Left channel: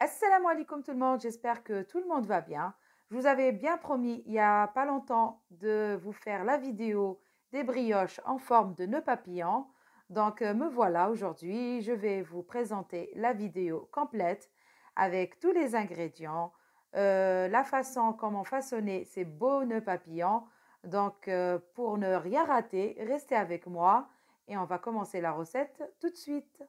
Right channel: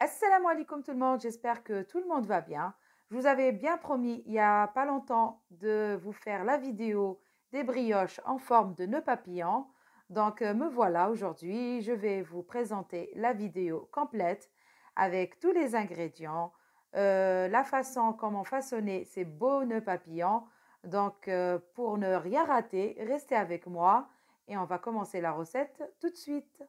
Assalamu alaikum tout le monde, j'espère que tout le monde va bien. Je vous avais bien promis il n'y a pas longtemps de vous faire la vidéo des brioches en forme de nœud papillon. Donc me voilà aujourd'hui, je vais vous présenter la vidéo complète avec tous les ingrédients, la façon comment façonner ces beaux nœuds papillons. Donc pour ne rien rater, restez avec moi et on va commencer la recette tout de suite.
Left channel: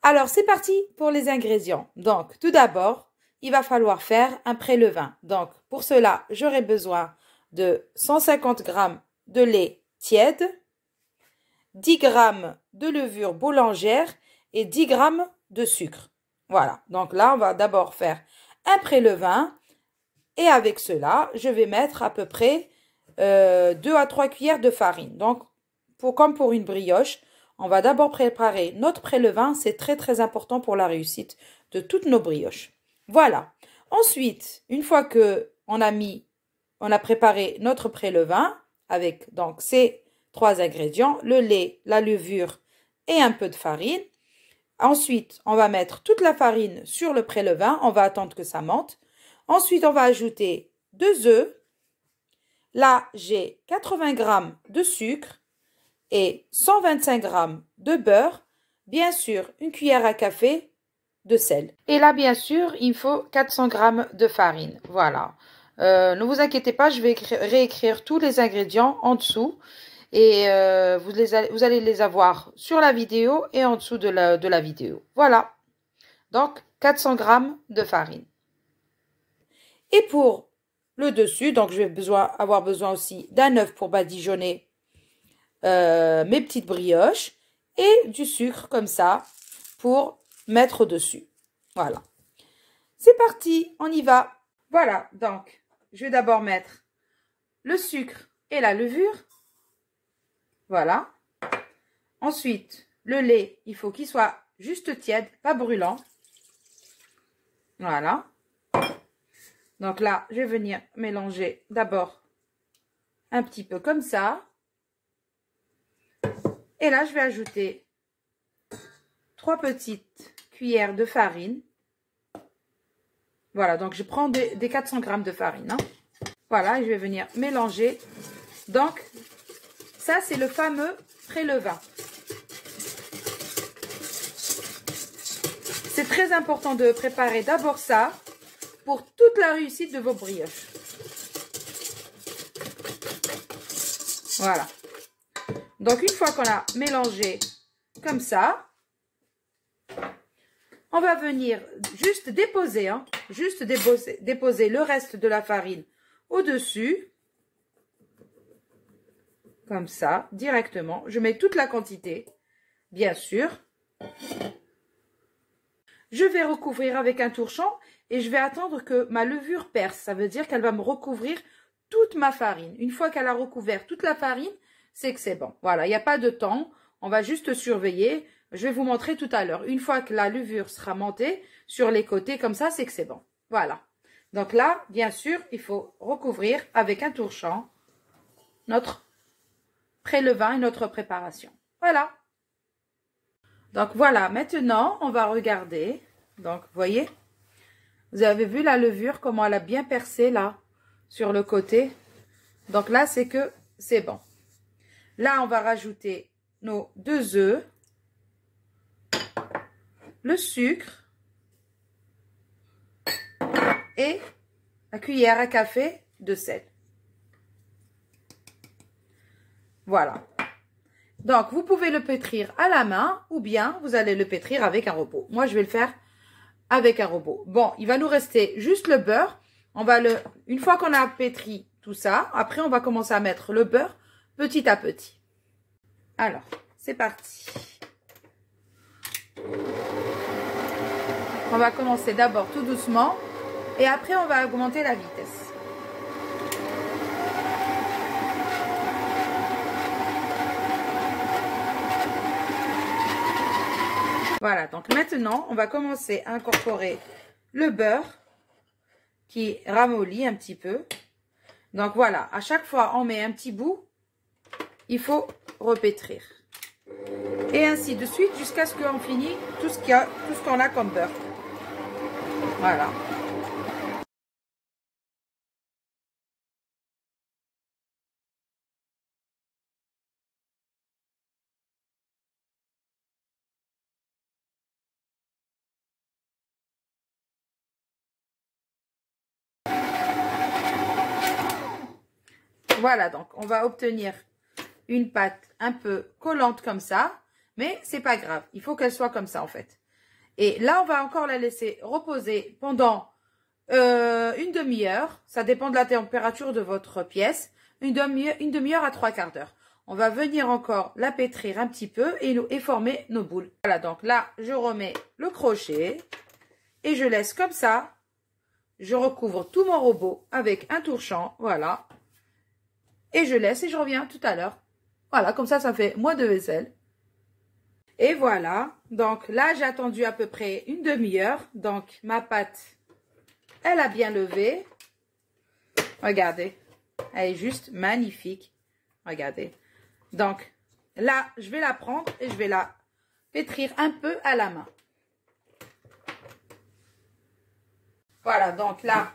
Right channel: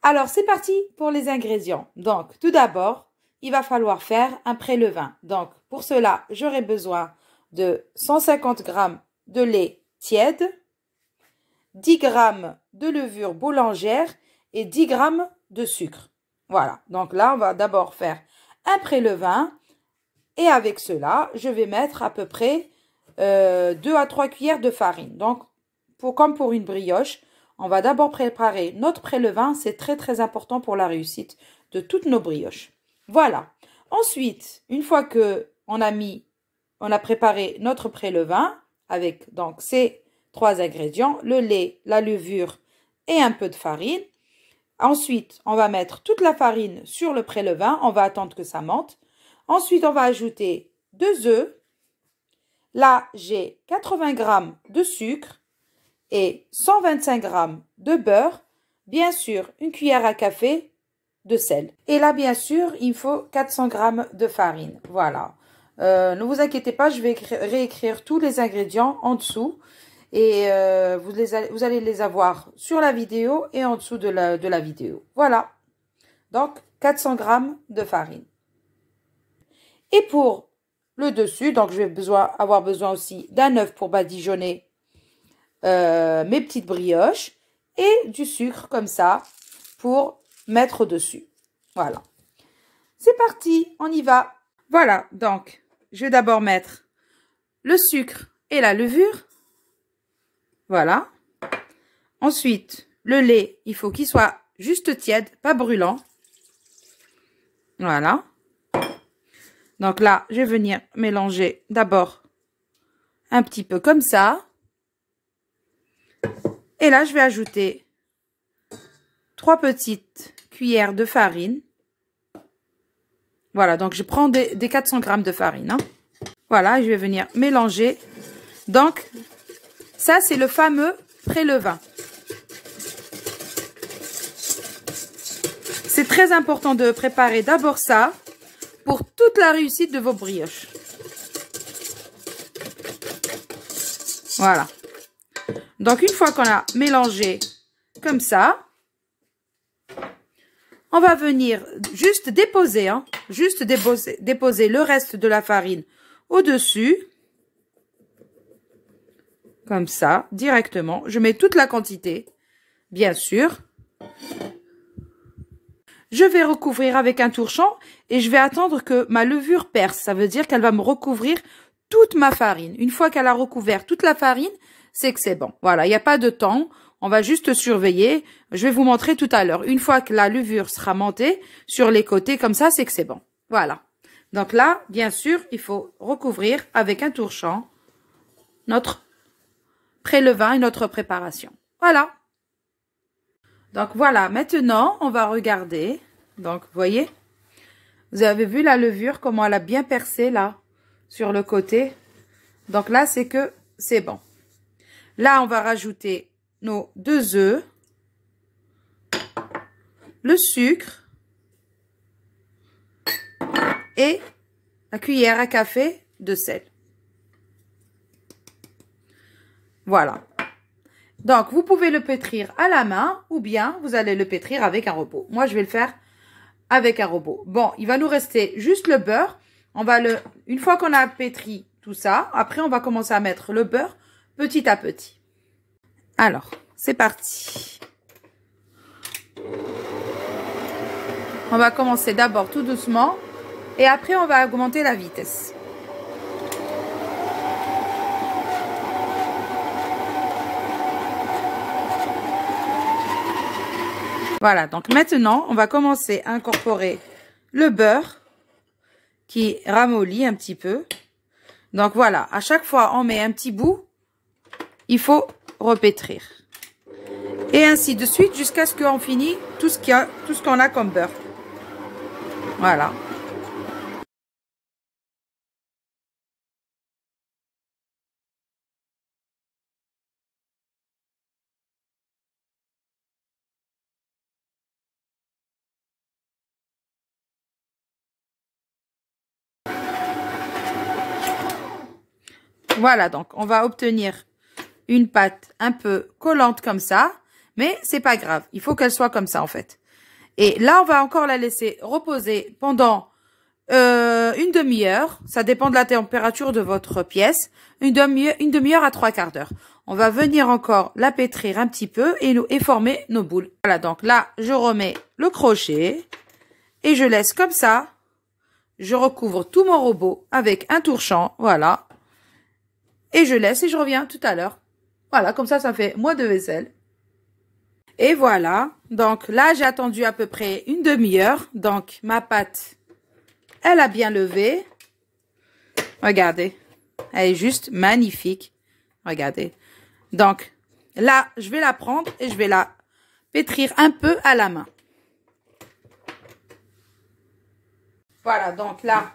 Alors, c'est parti pour les ingrédients. Donc, tout d'abord, il va falloir faire un pré-levain. Donc, pour cela, j'aurai besoin de 150 g de lait tiède, 10 g de levure boulangère et 10 g de sucre. Voilà. Donc là, on va d'abord faire un pré-levain. Et avec cela, je vais mettre à peu près 2 à 3 cuillères de farine. Donc, comme pour une brioche, on va d'abord préparer notre pré-levain. C'est très très important pour la réussite de toutes nos brioches. Voilà. Ensuite, une fois que on a préparé notre pré-levain avec donc ces trois ingrédients, le lait, la levure et un peu de farine. Ensuite, on va mettre toute la farine sur le pré-levain. On va attendre que ça monte. Ensuite, on va ajouter 2 œufs. Là, j'ai 80 g de sucre et 125 g de beurre. Bien sûr, une cuillère à café de sel. Et là, bien sûr, il faut 400 g de farine. Voilà. Ne vous inquiétez pas, je vais réécrire tous les ingrédients en dessous. Et vous allez les avoir sur la vidéo et en dessous de la vidéo. Voilà. Donc, 400 g de farine. Et pour le dessus, donc je vais avoir besoin aussi d'un œuf pour badigeonner mes petites brioches et du sucre comme ça pour mettre au-dessus. Voilà. C'est parti, on y va. Voilà, donc je vais d'abord mettre le sucre et la levure. Voilà. Ensuite, le lait, il faut qu'il soit juste tiède, pas brûlant. Voilà. Donc là, je vais venir mélanger d'abord un petit peu comme ça. Et là, je vais ajouter 3 petites cuillères de farine. Voilà, donc je prends des 400 g de farine. Hein. Voilà, je vais venir mélanger. Donc, ça, c'est le fameux pré-levain. C'est très important de préparer d'abord ça pour toute la réussite de vos brioches. Voilà. Donc, une fois qu'on a mélangé comme ça, on va venir juste déposer, hein, déposer le reste de la farine au-dessus. Comme ça, directement. Je mets toute la quantité, bien sûr. Je vais recouvrir avec un torchon et je vais attendre que ma levure perce. Ça veut dire qu'elle va me recouvrir toute ma farine. Une fois qu'elle a recouvert toute la farine, c'est que c'est bon. Voilà, il n'y a pas de temps. On va juste surveiller. Je vais vous montrer tout à l'heure. Une fois que la levure sera montée sur les côtés comme ça, c'est que c'est bon. Voilà. Donc là, bien sûr, il faut recouvrir avec un torchon notre pré-levain et notre préparation. Voilà. Donc voilà, maintenant, on va regarder. Donc, vous voyez, vous avez vu la levure, comment elle a bien percé là, sur le côté. Donc là, c'est que c'est bon. Là, on va rajouter nos 2 œufs, le sucre et la cuillère à café de sel. Voilà. Donc, vous pouvez le pétrir à la main ou bien vous allez le pétrir avec un robot. Moi, je vais le faire avec un robot. Bon, il va nous rester juste le beurre. Une fois qu'on a pétri tout ça, après, on va commencer à mettre le beurre petit à petit. Alors, c'est parti. On va commencer d'abord tout doucement et après, on va augmenter la vitesse. Voilà, donc maintenant, on va commencer à incorporer le beurre qui ramollit un petit peu. Donc voilà, à chaque fois, on met un petit bout il faut repétrir. Et ainsi de suite jusqu'à ce qu'on finisse tout ce qu'on a comme beurre. Voilà. Voilà, donc on va obtenir une pâte un peu collante comme ça, mais c'est pas grave, il faut qu'elle soit comme ça en fait. Et là, on va encore la laisser reposer pendant une demi-heure, ça dépend de la température de votre pièce, une demi-heure à 3/4 d'heure. On va venir encore la pétrir un petit peu et former nos boules. Voilà, donc là, je remets le crochet et je laisse comme ça. Je recouvre tout mon robot avec un tourchant, voilà. Et je laisse et je reviens tout à l'heure. Voilà, comme ça fait moins de vaisselle. Et voilà, donc là, j'ai attendu à peu près une demi-heure. Donc, ma pâte, elle a bien levé. Regardez, elle est juste magnifique. Regardez. Donc, là, je vais la prendre et je vais la pétrir un peu à la main. Voilà, donc là,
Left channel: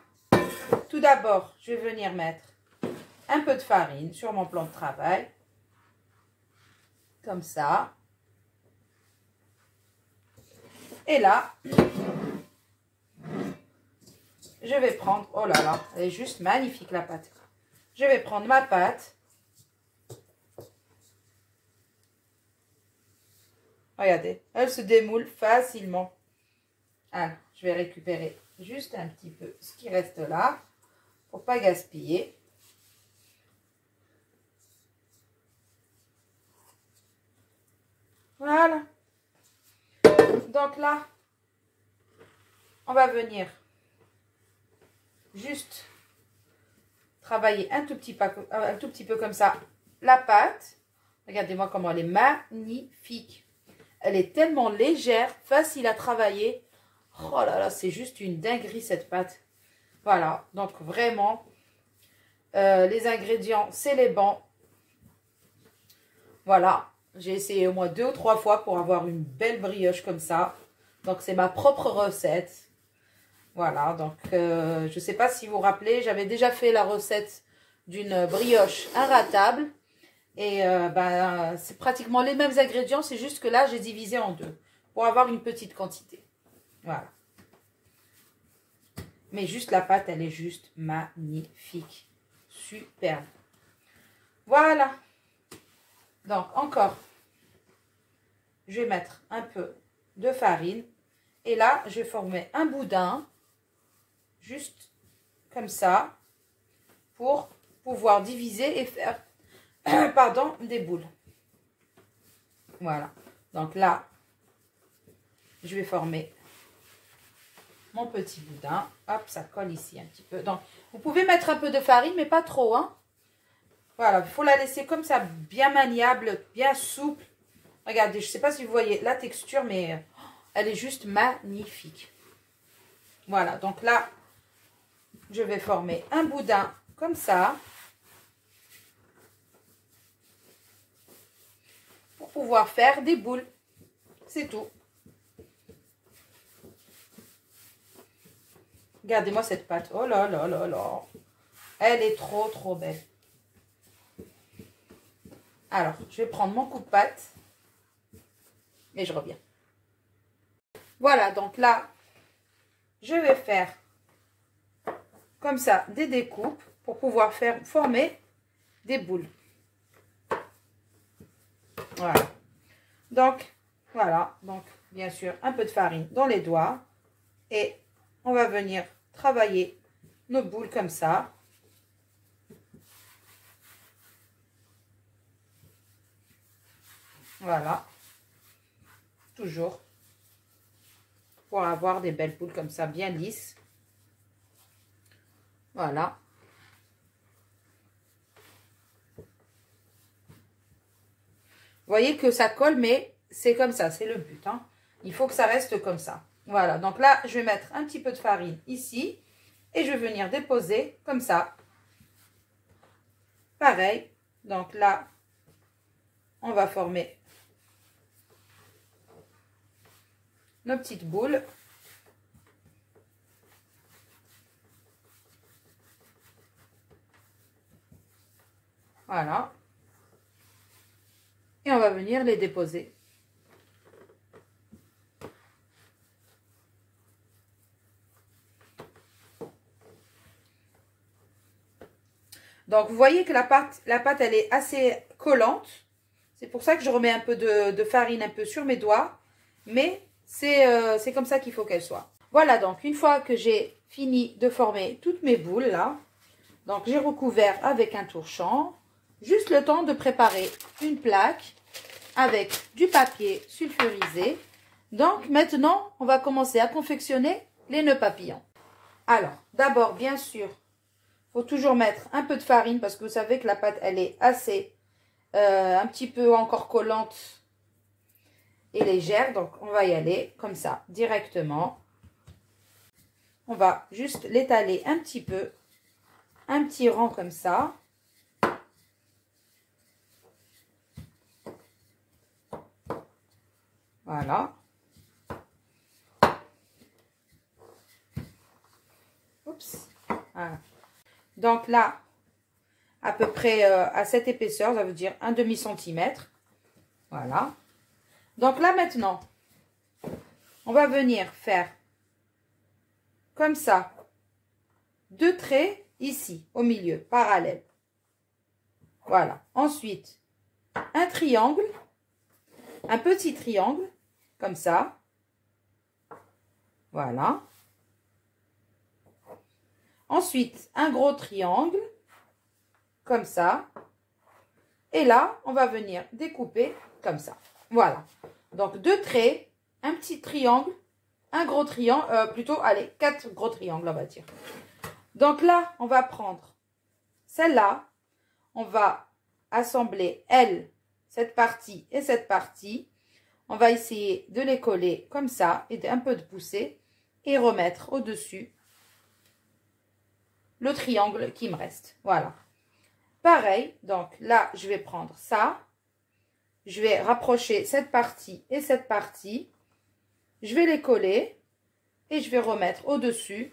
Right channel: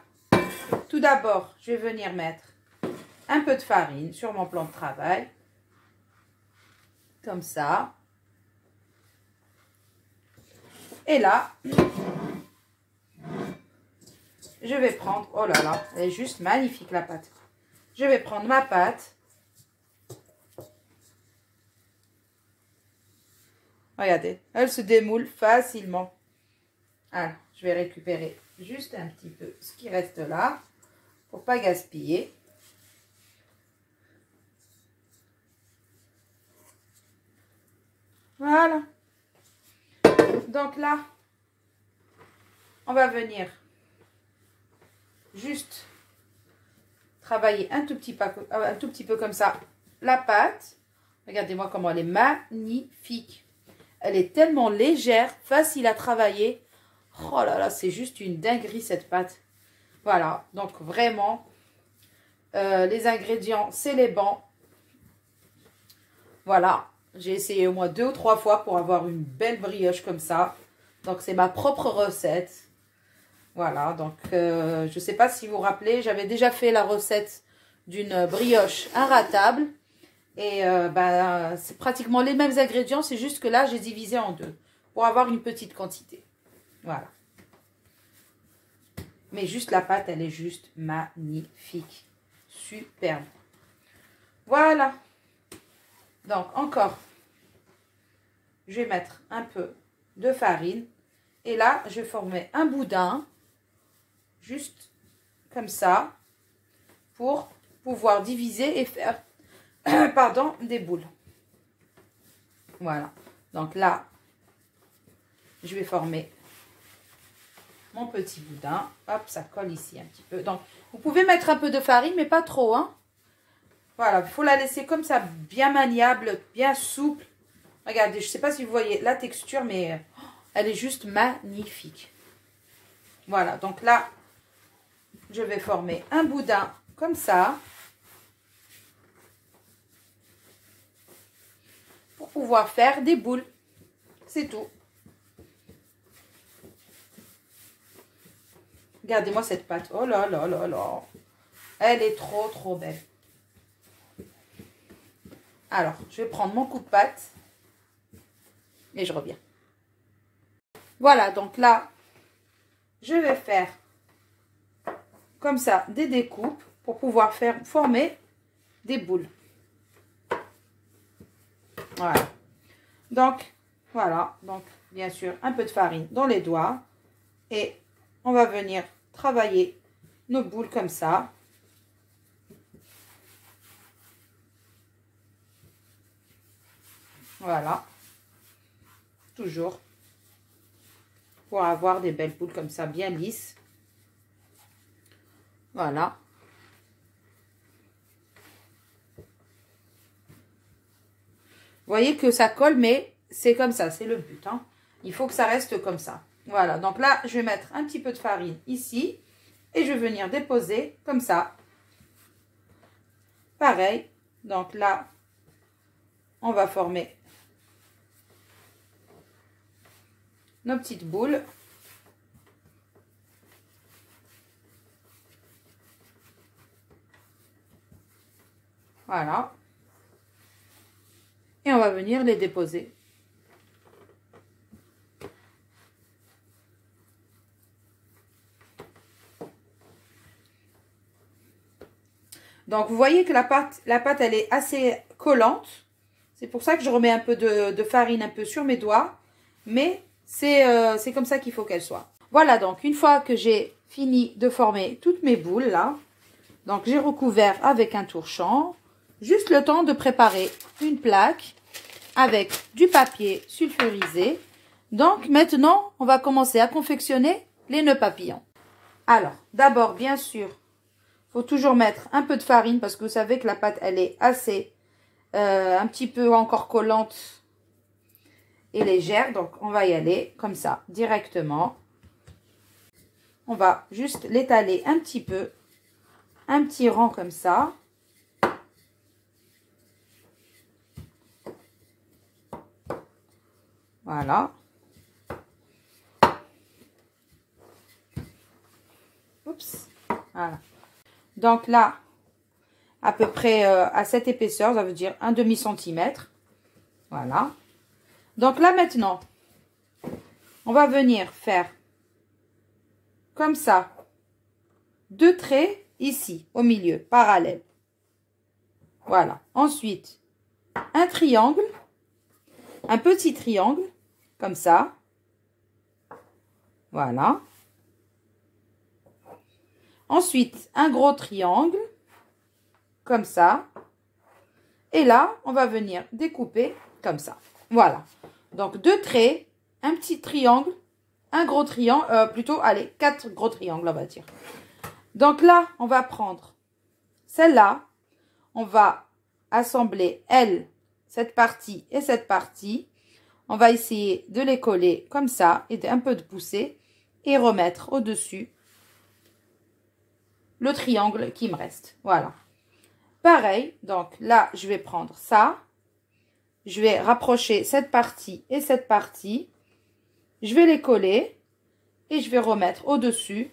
tout d'abord, je vais venir mettre un peu de farine sur mon plan de travail. Comme ça. Et là, je vais prendre, oh là là, elle est juste magnifique la pâte. Je vais prendre ma pâte. Regardez, elle se démoule facilement. Alors, je vais récupérer juste un petit peu ce qui reste là, pour pas gaspiller. Voilà. Donc là, on va venir juste travailler un tout petit peu comme ça la pâte. Regardez-moi comment elle est magnifique. Elle est tellement légère, facile à travailler. Oh là là, c'est juste une dinguerie cette pâte. Voilà, donc vraiment, les ingrédients, c'est les bons. Voilà, j'ai essayé au moins 2 ou 3 fois pour avoir une belle brioche comme ça. Donc, c'est ma propre recette. Voilà, donc je ne sais pas si vous vous rappelez, j'avais déjà fait la recette d'une brioche inratable. Et c'est pratiquement les mêmes ingrédients, c'est juste que là, j'ai divisé en 2 pour avoir une petite quantité. Voilà. Mais juste la pâte, elle est juste magnifique. Superbe. Voilà. Donc, encore, je vais mettre un peu de farine. Et là, je vais former un boudin, juste comme ça, pour pouvoir diviser et faire, pardon, des boules. Voilà. Donc là, je vais former mon petit boudin. Hop, ça colle ici un petit peu. Donc, vous pouvez mettre un peu de farine, mais pas trop, hein. Voilà, il faut la laisser comme ça, bien maniable, bien souple. Regardez, je ne sais pas si vous voyez la texture, mais elle est juste magnifique. Voilà, donc là, je vais former un boudin comme ça. Pour pouvoir faire des boules. C'est tout. Regardez-moi cette pâte. Oh là là là là. Elle est trop trop belle. Alors, je vais prendre mon coup de pâte. Et je reviens. Voilà, donc là, je vais faire comme ça des découpes pour pouvoir former des boules. Voilà. Donc, voilà. Donc, bien sûr, un peu de farine dans les doigts. Et on va venir travailler nos boules comme ça. Voilà. Toujours. Pour avoir des belles boules comme ça, bien lisses. Voilà. Vous voyez que ça colle, mais c'est comme ça, c'est le but, hein. Il faut que ça reste comme ça. Voilà, donc là, je vais mettre un petit peu de farine ici. Et je vais venir déposer comme ça. Pareil. Donc là, on va former nos petites boules. Voilà. Et on va venir les déposer. Donc, vous voyez que la pâte, elle est assez collante. C'est pour ça que je remets un peu de farine un peu sur mes doigts. Mais c'est comme ça qu'il faut qu'elle soit. Voilà, donc, une fois que j'ai fini de former toutes mes boules, là, donc j'ai recouvert avec un torchon. Juste le temps de préparer une plaque avec du papier sulfurisé. Donc, maintenant, on va commencer à confectionner les nœuds papillons. Alors, d'abord, bien sûr, il faut toujours mettre un peu de farine parce que vous savez que la pâte, elle est assez, un petit peu encore collante et légère. Donc, on va y aller comme ça, directement. On va juste l'étaler un petit peu, un petit rang comme ça. Voilà. Oups. Voilà. Donc là, à peu près à cette épaisseur, ça veut dire un demi-centimètre. Voilà. Donc là maintenant, on va venir faire comme ça, 2 traits ici, au milieu, parallèles. Voilà. Ensuite, un triangle, un petit triangle, comme ça. Voilà. Ensuite, un gros triangle, comme ça. Et là, on va venir découper comme ça. Voilà. Donc, 2 traits, un petit triangle, un gros triangle, plutôt, allez, 4 gros triangles, on va dire. Donc là, on va prendre celle-là. On va assembler, elle, cette partie et cette partie. On va essayer de les coller comme ça et un peu de pousser et remettre au-dessus le triangle qui me reste. Voilà. Pareil, donc là, je vais prendre ça. Je vais rapprocher cette partie et cette partie. Je vais les coller et je vais remettre au-dessus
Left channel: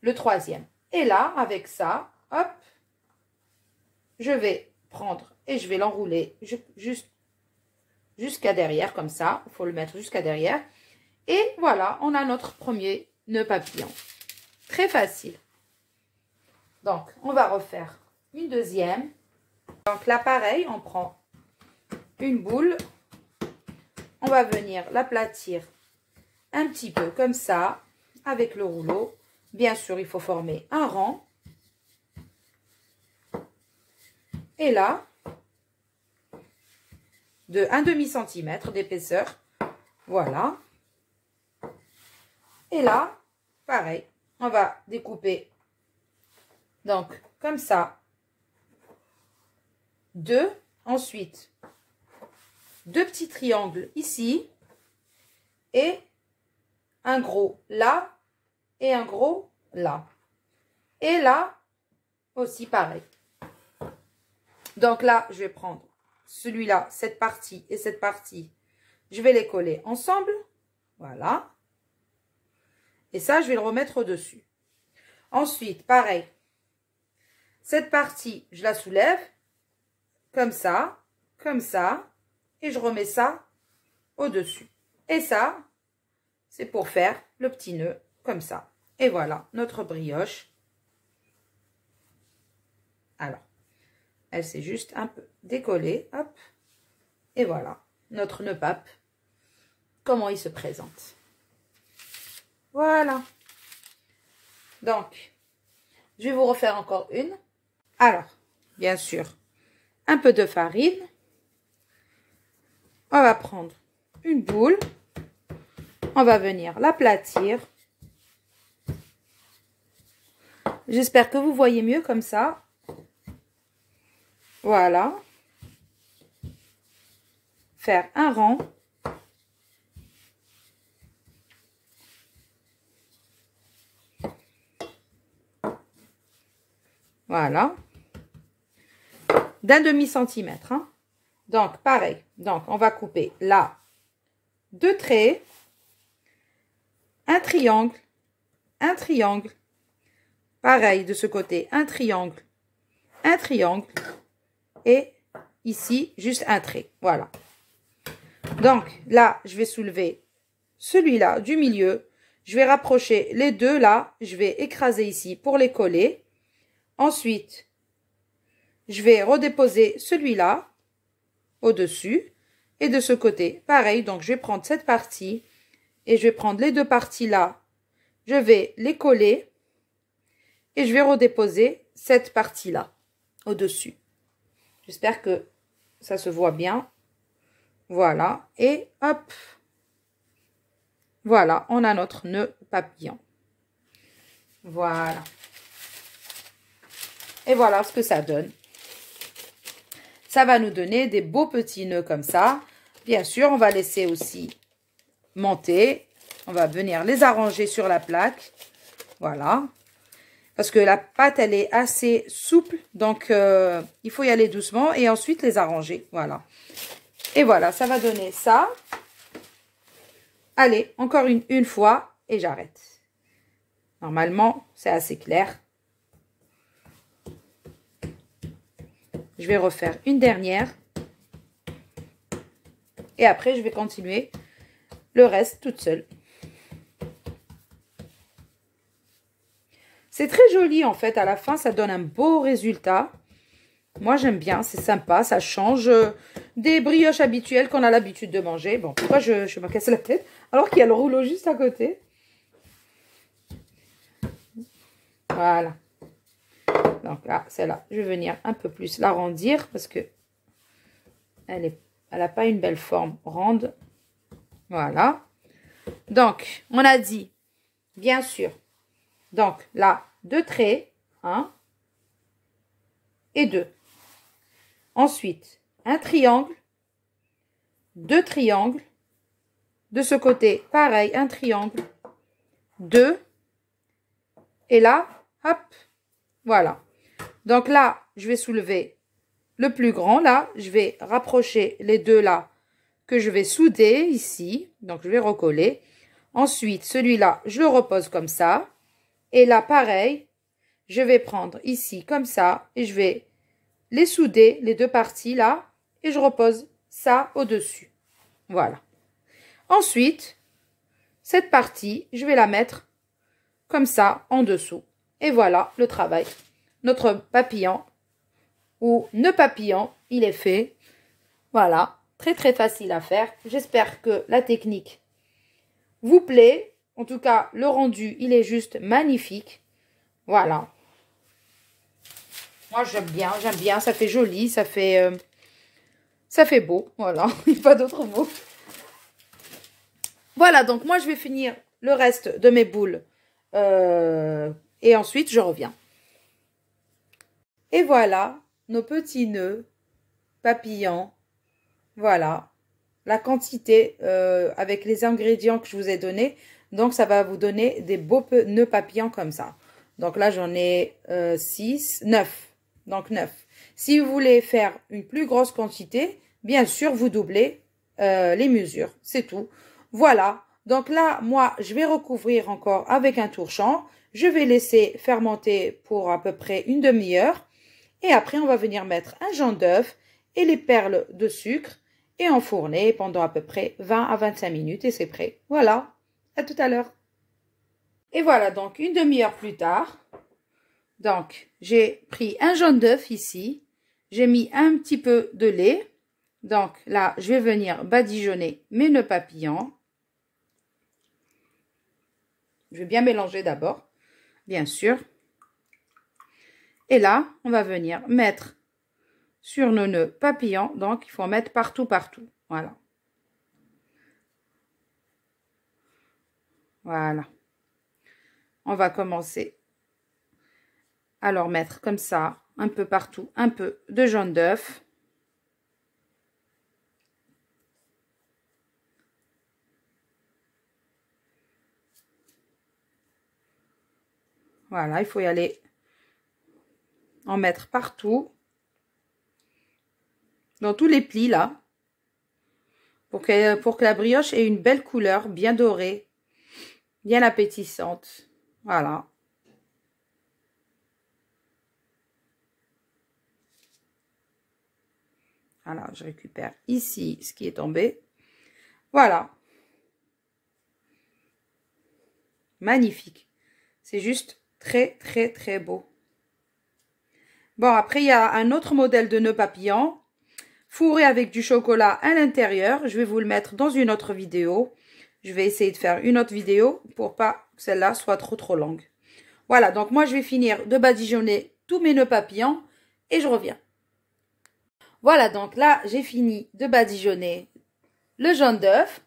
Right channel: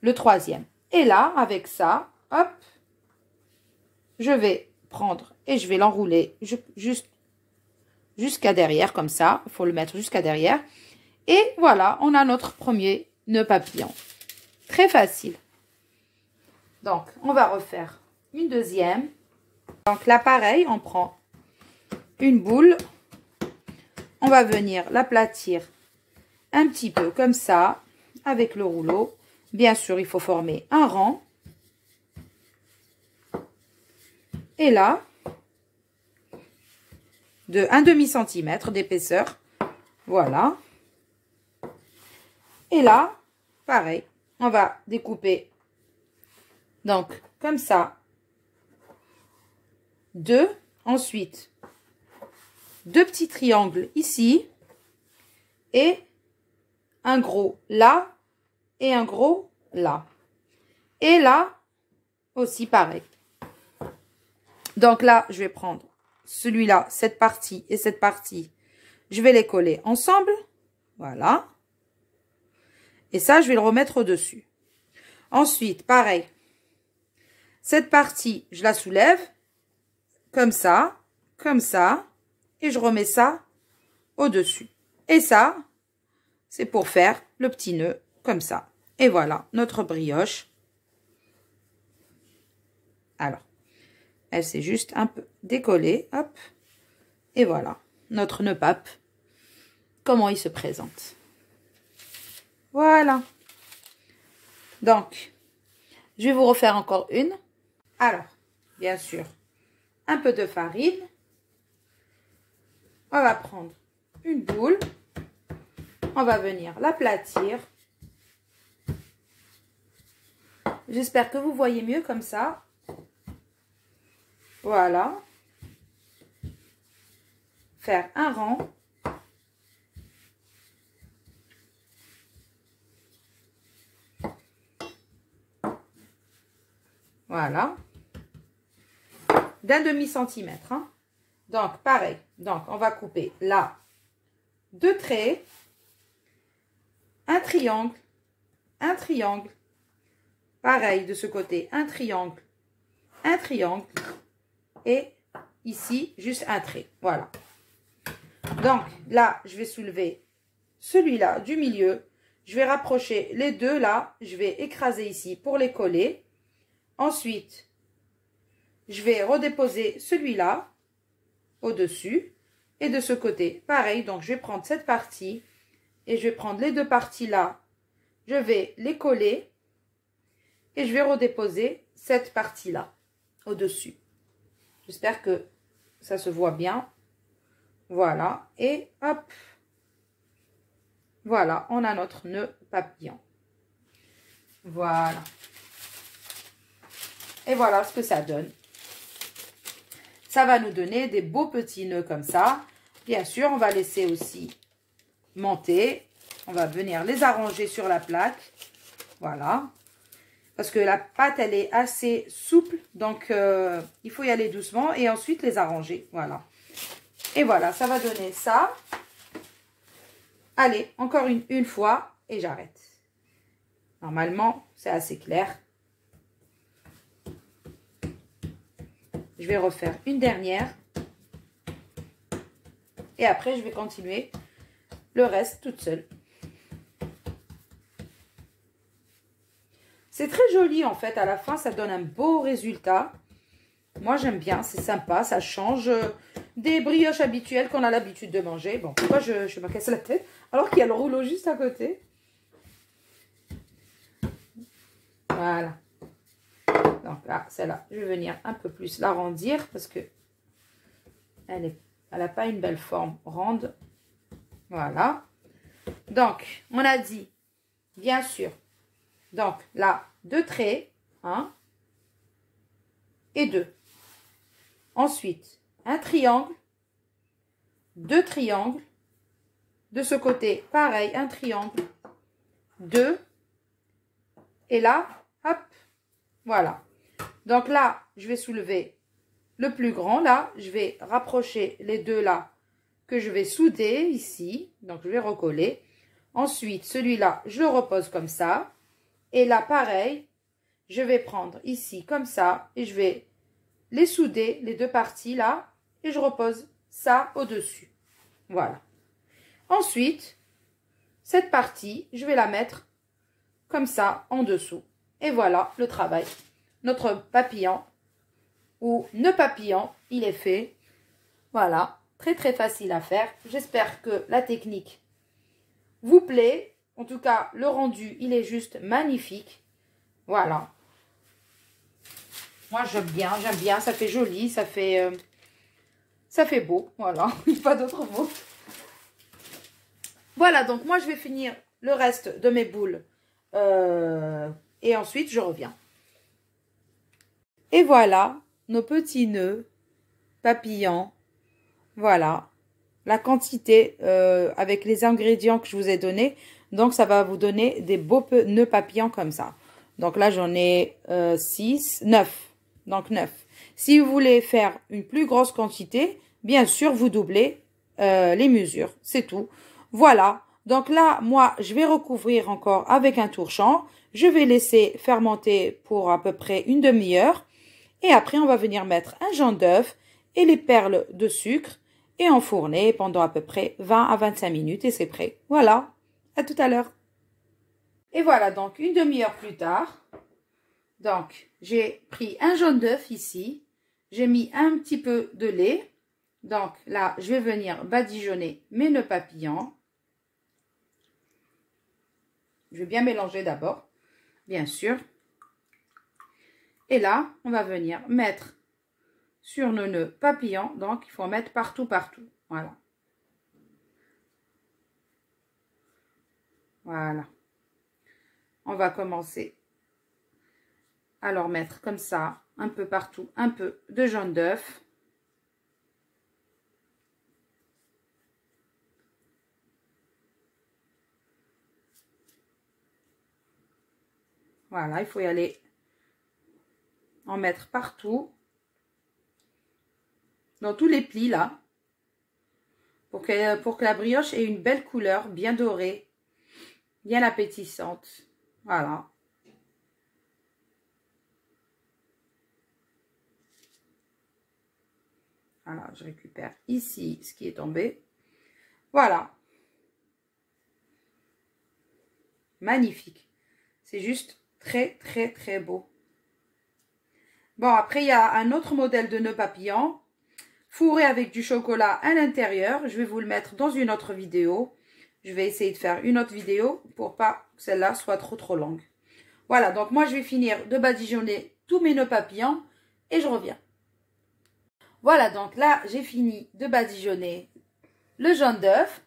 le troisième. Et là, avec ça, hop, je vais prendre et je vais l'enrouler juste jusqu'à derrière, comme ça. Il faut le mettre jusqu'à derrière. Et voilà, on a notre premier nœud papillon. Très facile. Donc, on va refaire une deuxième. Donc là, pareil, on prend une boule. On va venir l'aplatir un petit peu comme ça, avec le rouleau. Bien sûr, il faut former un rang. Et là, de 1 demi-centimètre d'épaisseur. Voilà. Et là, pareil, on va découper, donc, comme ça, 2. Ensuite, 2 petits triangles ici. Et un gros là. Et un gros là. Et là, aussi pareil. Donc là, je vais prendre celui-là, cette partie et cette partie. Je vais les coller ensemble. Voilà. Et ça, je vais le remettre au-dessus. Ensuite, pareil. Cette partie, je la soulève. Comme ça. Et je remets ça au-dessus. Et ça, c'est pour faire le petit nœud comme ça. Et voilà, notre brioche. Alors, elle s'est juste un peu décollée. Hop. Et voilà, notre nœud pape. Comment il se présente. Voilà. Donc, je vais vous refaire encore une. Alors, bien sûr, un peu de farine. On va prendre une boule. On va venir l'aplatir. J'espère que vous voyez mieux comme ça. Voilà. Faire un rang. Voilà. D'un demi-centimètre. Hein. Donc, pareil. Donc, on va couper là 2 traits, un triangle, pareil de ce côté, un triangle, et ici, juste un trait. Voilà. Donc, là, je vais soulever celui-là du milieu. Je vais rapprocher les deux là. Je vais écraser ici pour les coller. Ensuite, je vais redéposer celui-là au-dessus. Et de ce côté, pareil. Donc, je vais prendre cette partie et je vais prendre les deux parties là. Je vais les coller et je vais redéposer cette partie-là au-dessus. J'espère que ça se voit bien. Voilà. Et hop. Voilà, on a notre nœud papillon. Voilà. Et voilà ce que ça donne. Ça va nous donner des beaux petits nœuds comme ça. Bien sûr, on va laisser aussi monter. On va venir les arranger sur la plaque. Voilà. Parce que la pâte, elle est assez souple. Donc, il faut y aller doucement et ensuite les arranger. Voilà. Et voilà, ça va donner ça. Allez, encore une fois et j'arrête. Normalement, c'est assez clair. Je vais refaire une dernière. Et après, je vais continuer le reste toute seule. C'est très joli en fait. À la fin, ça donne un beau résultat. Moi, j'aime bien. C'est sympa. Ça change des brioches habituelles qu'on a l'habitude de manger. Bon, pourquoi je me casse la tête alors qu'il y a le rouleau juste à côté. Voilà. Donc là, celle-là, je vais venir un peu plus l'arrondir parce que elle n'a pas une belle forme ronde. Voilà. Donc, on a dit, bien sûr, donc là, 2 traits, 1 et 2. Ensuite, un triangle, 2 triangles. De ce côté, pareil, un triangle, 2. Et là, hop, voilà. Donc là, je vais soulever le plus grand. Là, je vais rapprocher les deux là que je vais souder ici. Donc, je vais recoller. Ensuite, celui-là, je le repose comme ça. Et là, pareil, je vais prendre ici comme ça et je vais les souder, les deux parties là. Et je repose ça au-dessus. Voilà. Ensuite, cette partie, je vais la mettre comme ça en dessous. Et voilà le travail. Notre papillon ou nœud papillon, il est fait. Voilà, très très facile à faire. J'espère que la technique vous plaît. En tout cas, le rendu, il est juste magnifique. Voilà. Moi, j'aime bien. Ça fait joli, ça fait beau. Voilà, il n'y a pas d'autre mot. Voilà, donc moi, je vais finir le reste de mes boules. Et ensuite, je reviens. Et voilà, nos petits nœuds papillons. Voilà, la quantité avec les ingrédients que je vous ai donnés. Donc, ça va vous donner des beaux nœuds papillons comme ça. Donc là, j'en ai 6, 9. Donc, 9. Si vous voulez faire une plus grosse quantité, bien sûr, vous doublez les mesures. C'est tout. Voilà. Donc là, moi, je vais recouvrir encore avec un torchon. Je vais laisser fermenter pour à peu près une demi-heure. Et après, on va venir mettre un jaune d'œuf et les perles de sucre et enfourner pendant à peu près 20 à 25 minutes et c'est prêt. Voilà, à tout à l'heure. Et voilà, donc une demi-heure plus tard. Donc, j'ai pris un jaune d'œuf ici. J'ai mis un petit peu de lait. Donc là, je vais venir badigeonner mes nœuds papillons. Je vais bien mélanger d'abord, bien sûr. Et là, on va venir mettre sur nos nœuds papillons. Donc, il faut en mettre partout, partout. Voilà. Voilà. On va commencer à leur mettre comme ça, un peu partout, un peu de jaune d'œuf. Voilà, il faut y aller en mettre partout. dans tous les plis là. Pour que la brioche ait une belle couleur, bien dorée, bien appétissante. Voilà. Voilà, je récupère ici ce qui est tombé. Voilà. Magnifique. C'est juste très, très, très beau. Bon, après, il y a un autre modèle de nœud papillon. Fourré avec du chocolat à l'intérieur. Je vais vous le mettre dans une autre vidéo. Je vais essayer de faire une autre vidéo pour pas que celle-là soit trop longue. Voilà, donc moi, je vais finir de badigeonner tous mes nœuds papillons et je reviens. Voilà, donc là, j'ai fini de badigeonner le jaune d'œuf.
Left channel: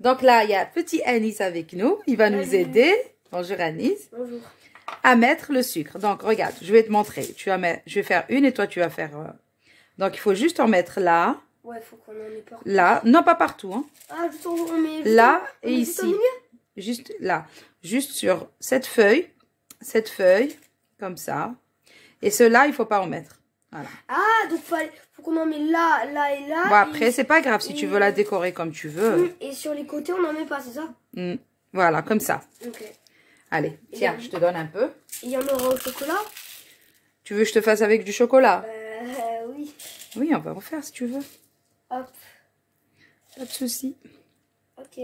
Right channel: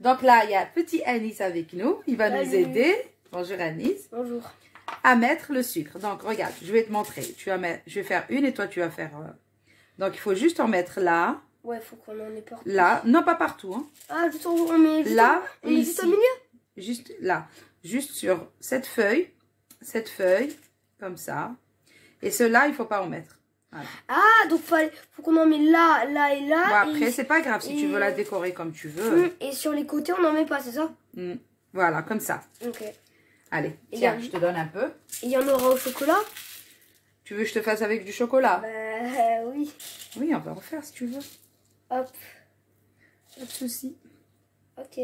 Donc là, il y a petit Anis avec nous. Il va nous aider. Bonjour Anis. Bonjour. À mettre le sucre. Donc, regarde, je vais te montrer. Je vais faire une et toi, tu vas faire... Donc, il faut juste en mettre là. Ouais, il faut qu'on en ait partout. Là. Non, pas partout. Hein. Ah, juste on met juste là on et met ici. juste au milieu. Juste là. Juste sur cette feuille. Cette feuille. Comme ça. Et ceux-là, il ne faut pas en mettre. Voilà. Ah, donc faut qu'on en met là, là et là. Bon, après, c'est pas grave si tu veux la décorer comme tu veux. Et sur les côtés, on n'en met pas, c'est ça? Voilà, comme ça. Ok. Allez, tiens, je te donne un peu. Et il y en aura au chocolat? Tu veux que je te fasse avec du chocolat? Oui. Oui, on va refaire si tu veux. Hop. Pas de souci. Ok.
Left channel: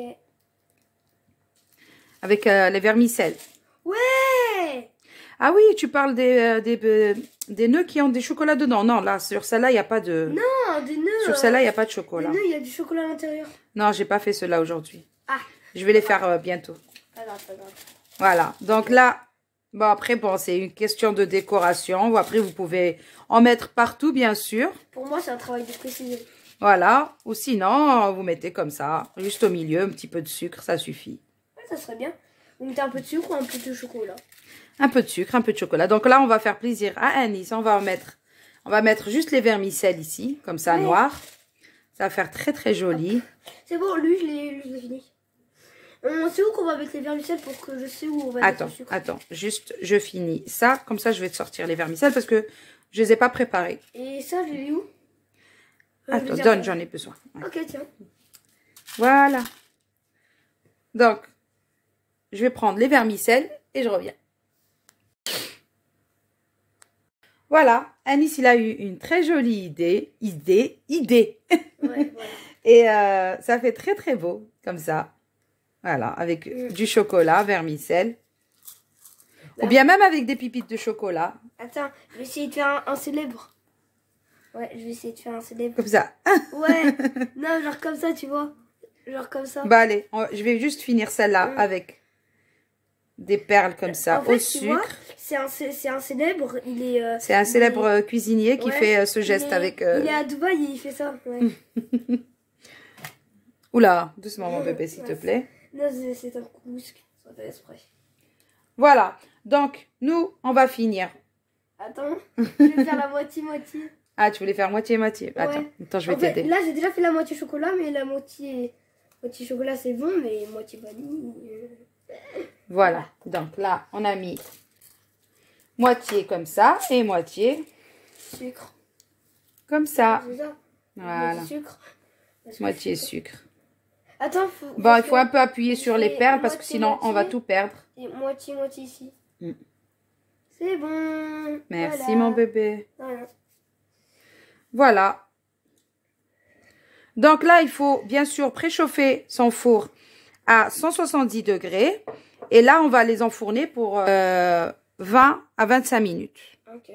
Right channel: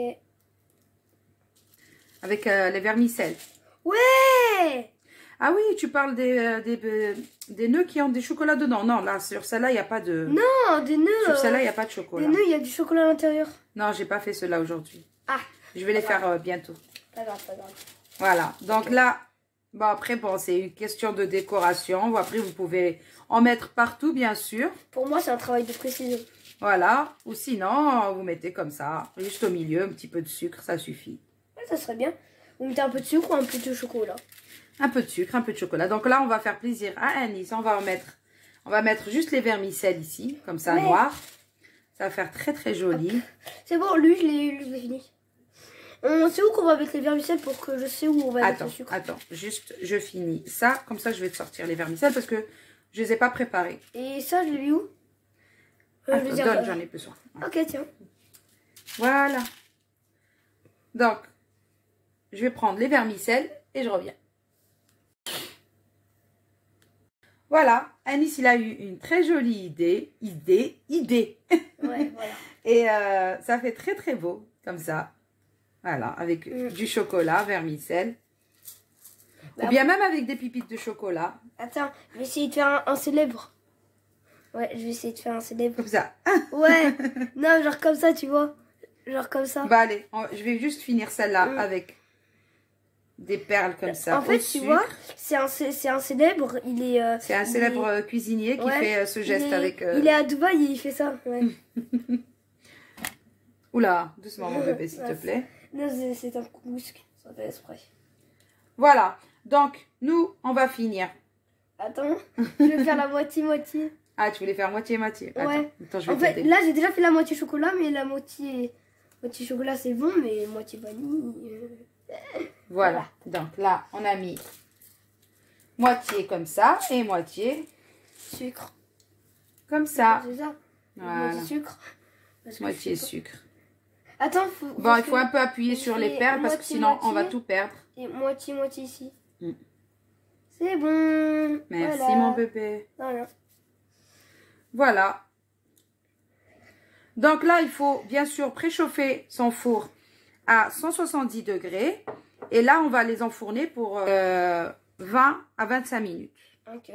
Avec les vermicelles. Ouais! Ah oui, tu parles des nœuds qui ont des chocolats dedans. Non, là, sur celle-là, il n'y a pas de... Non, des nœuds. Sur celle-là, il n'y a pas de chocolat. Des nœuds, il y a du chocolat à l'intérieur. Non, j'ai pas fait cela aujourd'hui. Ah. Je vais les faire bientôt. Pas grave, pas grave. Voilà. Donc là, bon, après, bon, c'est une question de décoration. Après, vous pouvez en mettre partout, bien sûr. Pour moi, c'est un travail de précision. Voilà. Ou sinon, vous mettez comme ça, juste au milieu, un petit peu de sucre, ça suffit. Ouais, ça serait bien. Vous mettez un peu de sucre ou un peu de chocolat? Un peu de sucre, un peu de chocolat. Donc là, on va faire plaisir à Anis. On va mettre juste les vermicelles ici, comme ça, noir. Ça va faire très, très joli. C'est bon, lui, je l'ai fini. On sait où qu'on va mettre les vermicelles pour que je sais où on va mettre le sucre. Attends, juste, je finis ça. Comme ça, je vais te sortir les vermicelles parce que je les ai pas préparées. Et ça, je l'ai mis où? Attends, donne, j'en ai besoin. Ouais. Ok, tiens. Voilà. Donc, je vais prendre les vermicelles et je reviens. Voilà, Anis, il a eu une très jolie idée. Ouais, voilà. Et ça fait très, très beau, comme ça. Voilà, avec du chocolat, vermicelle. Ou bien même avec des pépites de chocolat. Attends, je vais essayer de faire un célèbre. Ouais, je vais essayer de faire un célèbre. Comme ça. Ouais, non, genre comme ça, tu vois. Genre comme ça. Bah allez, je vais juste finir celle-là avec des perles comme ça, en fait, au tu sucre. vois, c'est un célèbre. C'est un célèbre cuisinier qui fait ce geste avec... Il est à Dubaï, il fait ça. Ouais. Oula, doucement mon bébé, s'il te plaît. Non, c'est un couscous, ça fait exprès. Voilà, donc nous, on va finir. Attends, je vais faire la moitié-moitié. Ah, tu voulais faire moitié-moitié. Ouais. Attends, je vais t'aider. Là, j'ai déjà fait la moitié chocolat, mais la moitié chocolat, c'est bon, mais moitié vanille... Voilà, donc là, on a mis moitié comme ça et moitié sucre. comme ça. C'est ça. Voilà. Moitié sucre. Moitié sucre. Attends, bon, il faut un peu appuyer sur les perles parce que sinon on va tout perdre. Et moitié ici. C'est bon. Merci voilà. mon bébé. Voilà. Voilà. Donc là, il faut bien sûr préchauffer son four à 170 degrés. Et là, on va les enfourner pour 20 à 25 minutes. Ok.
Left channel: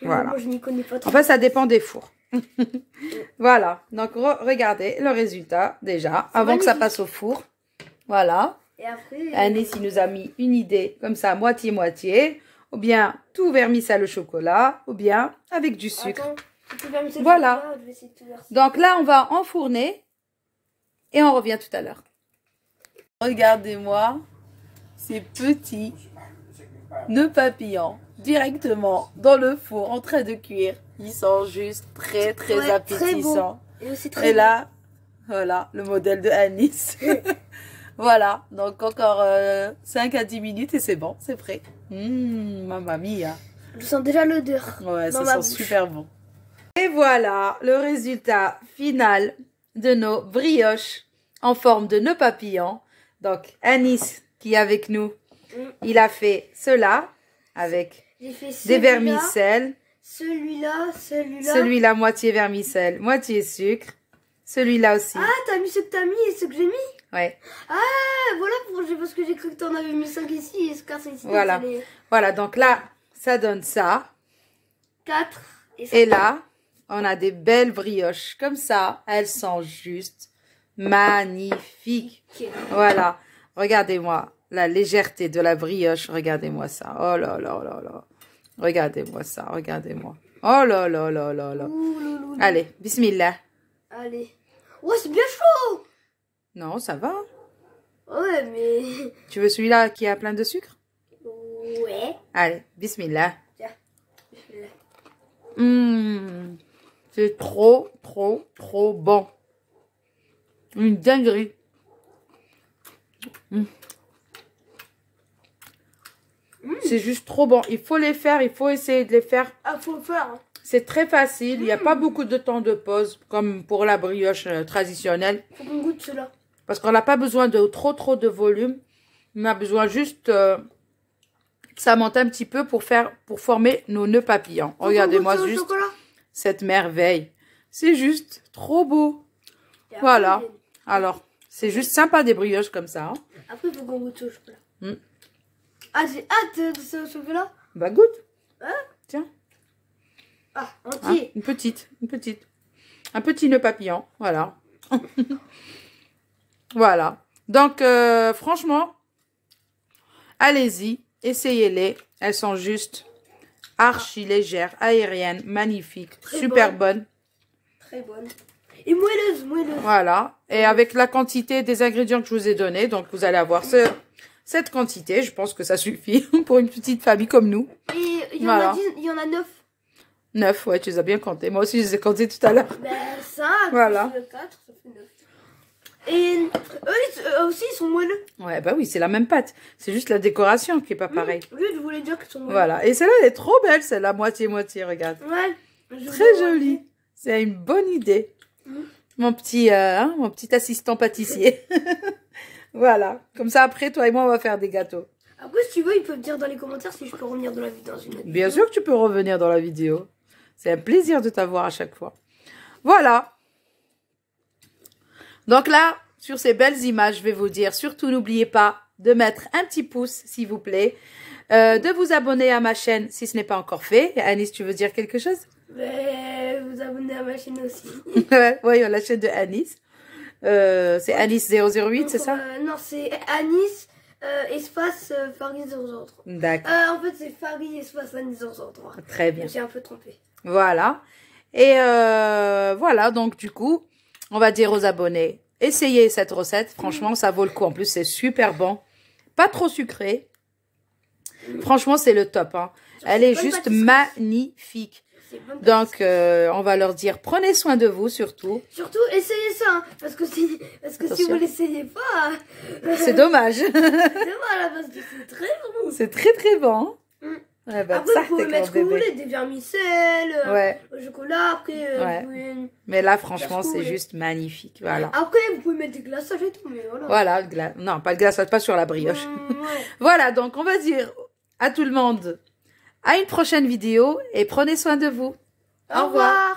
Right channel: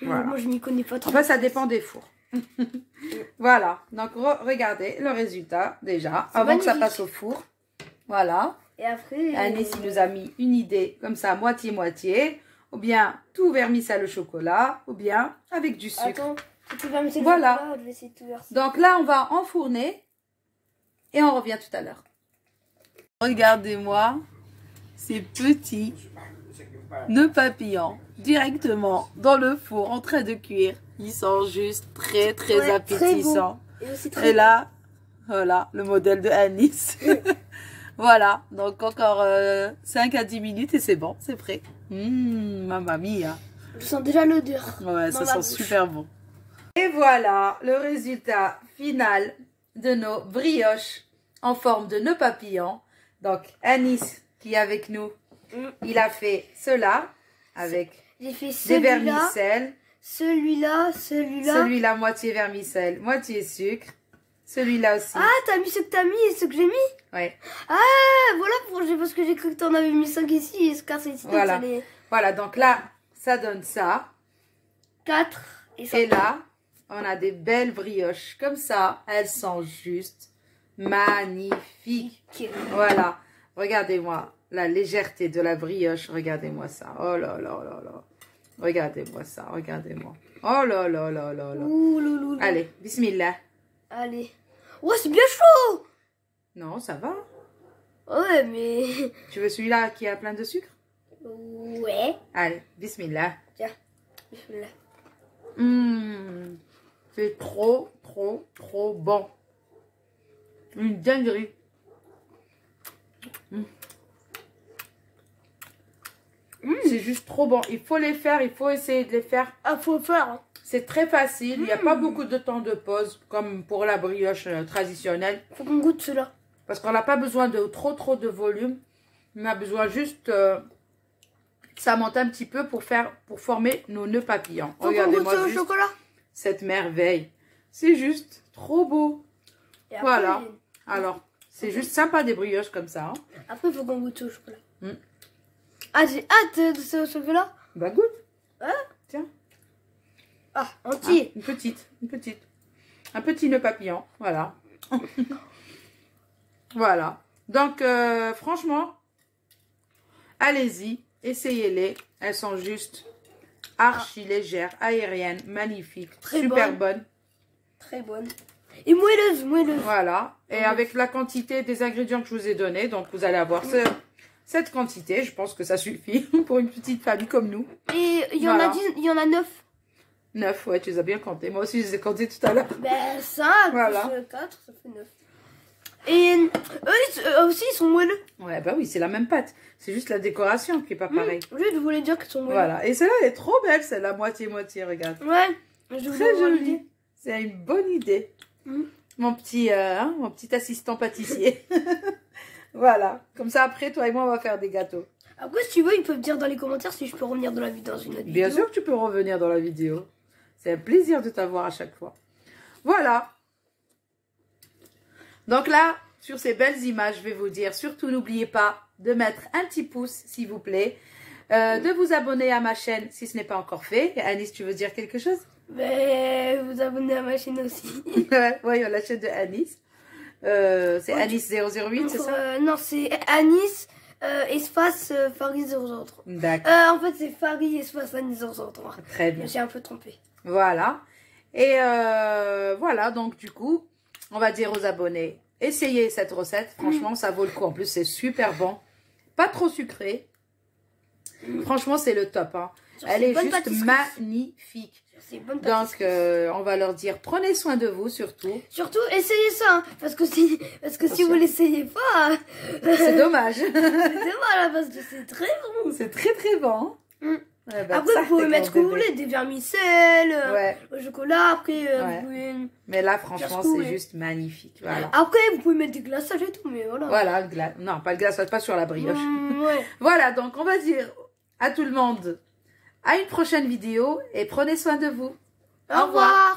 Voilà. Moi, je n'y connais pas trop. Enfin, ça dépend des fours. Voilà. Donc, regardez le résultat déjà. Avant magnifique. que ça passe au four. Voilà. Et après... Anis, il nous a mis une idée comme ça, moitié-moitié. Ou bien tout vermicelle au chocolat. Ou bien avec du sucre. Attends, tu vas me faire voilà. le chocolat, je vais essayer de tout verser. Donc là, on va enfourner. Et on revient tout à l'heure. Regardez-moi ces petits nœuds papillons directement dans le four en train de cuire. Ils sont juste très Ouais, appétissants. Très Et là, voilà le modèle de Anis. Voilà, donc encore 5 à 10 minutes et c'est bon, c'est prêt. Mamma mia. Je sens déjà l'odeur. Ouais, ça sent super bon. Et voilà le résultat final de nos brioches en forme de nœud papillon. Donc, Anis qui est avec nous, il a fait cela avec des vermicelles. Celui-là, moitié vermicelle, moitié sucre. Celui-là aussi. Ah, t'as mis ce que t'as mis et ce que j'ai mis? Ouais. Ah, voilà, parce que j'ai cru que t'en avais mis 5 ici et ce car c'est ici. Voilà. Voilà, donc là, ça donne ça. 4 et là, on a des belles brioches comme ça. Elles sont juste magnifiques. Voilà. Regardez-moi la légèreté de la brioche. Regardez-moi ça. Oh là là là là. Regardez-moi ça. Regardez-moi. Oh là là là là là. Allez, bismillah. Allez. Oh, c'est bien chaud. Non, ça va. Ouais, mais... Tu veux celui-là qui a plein de sucre? Ouais. Allez, bismillah. Tiens, bismillah. C'est trop, trop, trop bon. Une dinguerie. C'est juste trop bon. Il faut les faire, il faut essayer de les faire. Ah, faut le faire. Hein. C'est très facile. Il n'y a pas beaucoup de temps de pause, comme pour la brioche traditionnelle. Faut qu'on goûte cela. Parce qu'on n'a pas besoin de trop de volume. On a besoin juste... ça monte un petit peu pour former nos nœuds papillons. Regardez-moi juste cette merveille. C'est juste trop beau. Voilà. Alors, c'est juste sympa des brioches comme ça. Hein. Après, il faut qu'on goûte au chocolat. Ah, j'ai hâte de ce chocolat. Bah, goûte. Hein? Tiens. Ah, entier. Ah, une petite. Un petit nœud papillon. Voilà. Voilà. Donc, franchement, allez-y. Essayez-les. Elles sont juste archi légères, aériennes, magnifiques, super bonnes. Très bonnes. Et moelleuses. Voilà. Et avec la quantité des ingrédients que je vous ai donnés, donc vous allez avoir cette quantité. Je pense que ça suffit pour une petite famille comme nous. Et il y en a 9. 9, ouais, tu les as bien comptés. Moi aussi, je les ai comptés tout à l'heure. Ben, 5, voilà. 4, ça fait 9. Et eux aussi, ils sont moelleux. Ouais, bah oui, c'est la même pâte. C'est juste la décoration qui est pas pareille. Oui, je voulais dire qu'ils sont moelleux. Voilà. Et celle-là, elle est trop belle, celle-là, moitié-moitié, regarde. Ouais. Très jolie. C'est une bonne idée. Mon petit assistant pâtissier. Voilà. Comme ça, après, toi et moi, on va faire des gâteaux. Après, si tu veux, ils peuvent dire dans les commentaires si je peux revenir dans une autre vidéo. Bien sûr que tu peux revenir dans la vidéo. C'est un plaisir de t'avoir à chaque fois. Voilà. Donc là, sur ces belles images, je vais vous dire, surtout n'oubliez pas de mettre un petit pouce, s'il vous plaît. De vous abonner à ma chaîne si ce n'est pas encore fait. Anis, tu veux dire quelque chose? Mais vous abonnez à ma chaîne aussi. Oui, la chaîne de Anis. C'est Anis008, c'est ça? Non, c'est Anis espace Farid 003. D'accord. En fait, c'est Farid espace Anis 003. Très bien. J'ai un peu trompé. Voilà. Et voilà, donc du coup, on va dire aux abonnés, essayez cette recette. Franchement, ça vaut le coup. En plus, c'est super bon. Pas trop sucré. Franchement, c'est le top. Hein. Elle est juste magnifique. Donc, on va leur dire, prenez soin de vous surtout. Surtout, essayez ça. Hein, parce que si vous ne l'essayez pas... c'est dommage. C'est dommage, parce que c'est très bon. C'est très bon. Ouais, bah, après, vous pouvez mettre ce que vous voulez, des vermicelles, le chocolat, après... Mais là, franchement, c'est juste magnifique. Voilà. Après, vous pouvez mettre des glaçages et tout, mais voilà. Voilà, non, pas de glaçage, pas sur la brioche. Voilà, donc on va dire à tout le monde à une prochaine vidéo et prenez soin de vous. Au revoir.